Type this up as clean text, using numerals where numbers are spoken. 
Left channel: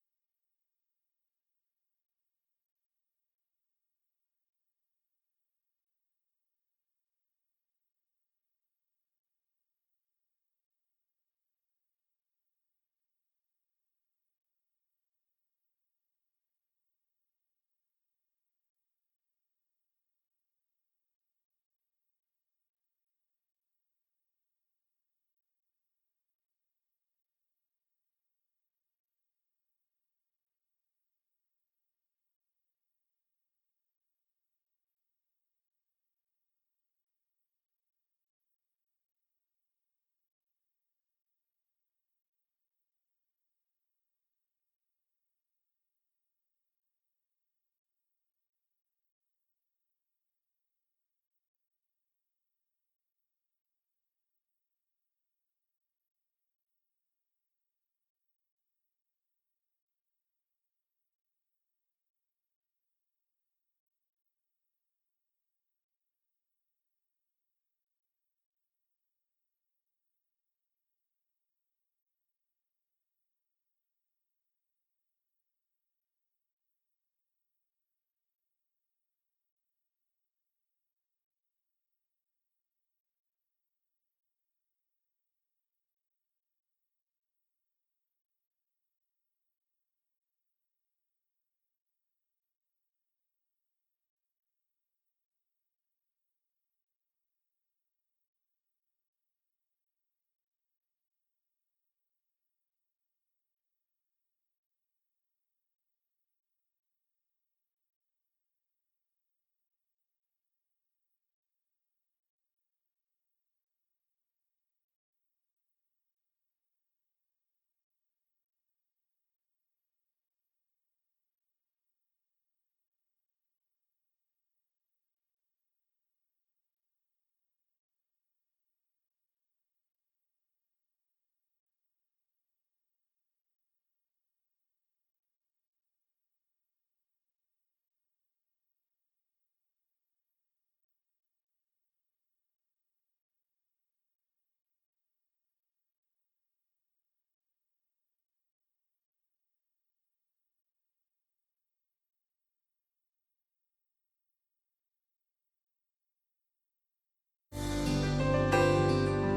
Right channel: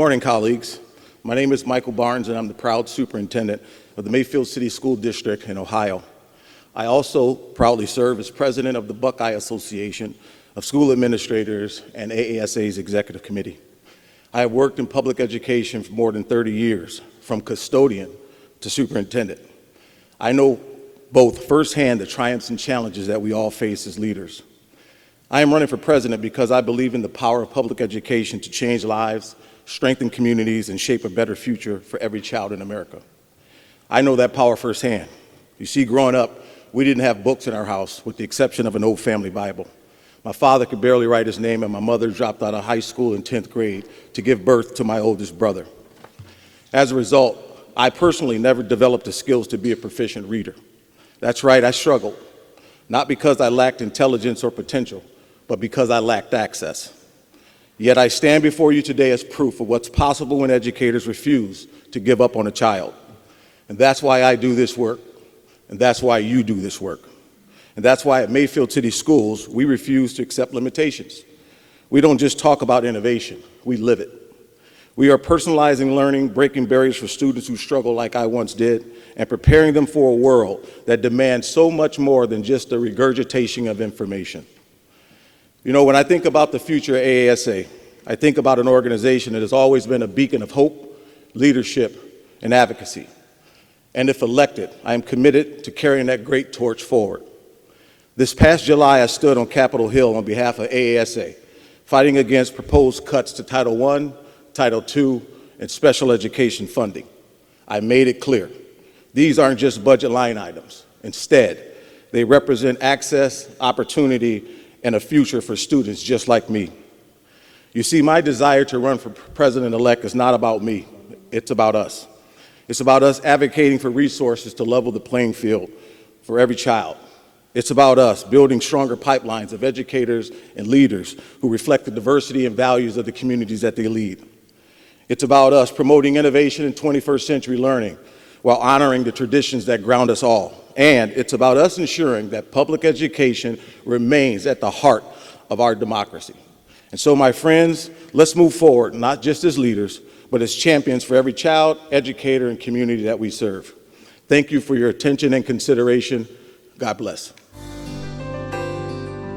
morning, colleagues. My name is Michael Barnes, and I'm the proud superintendent of the Mayfield City School District in Ohio. I also proudly serve as president of the Buckeye Association of School Administrators and AASA's Executive Committee. I have worked in public education for more than 30 years, from custodian to superintendent. I know both firsthand the triumphs and challenges that we all face as leaders. I am running for president because I believe in the power of public education to change lives, strengthen communities, and shape a better future for every child in America. I know that power firsthand. You see, growing up, we didn't have books in our house, with the exception of an old family Bible. My father could barely write his name, and my mother dropped out of high school in 10th grade to give birth to my oldest brother. As a result, I personally never developed the skills to be a proficient reader. That's right, I struggled, not because I lacked intelligence or potential, but because I lacked access. Yet I stand before you today as proof of what's possible when educators refuse to give up on a child. And that's why I do this work, and that's why you do this work. And that's why at Mayfield City Schools, we refuse to accept limitations. We don't just talk about innovation, we live it. We are personalizing learning, breaking barriers for students who struggle like I once did, and preparing them for a world that demands so much more than just the regurgitation of information. You know, when I think about the future of AASA, I think about an organization that has always been a beacon of hope, leadership, and advocacy. And if elected, I am committed to carrying that great torch forward. This past July, I stood on Capitol Hill on behalf of AASA, fighting against proposed cuts to Title I, Title II, and special education funding. I made it clear. These aren't just budget line items. Instead, they represent access, opportunity, and a future for students just like me. You see, my desire to run for President-elect is not about me. It's about us. It's about us advocating for resources to level the playing field for every child. It's about us building stronger pipelines of educators and leaders who reflect the diversity and values of the communities that they lead. It's about us promoting innovation in 21st century learning while honoring the traditions that ground us all. And it's about us ensuring that public education remains at the heart of our democracy. And so, my friends, let's move forward, not just as leaders, but as champions for every child, educator, and community that we serve. Thank you for your attention and consideration. God bless.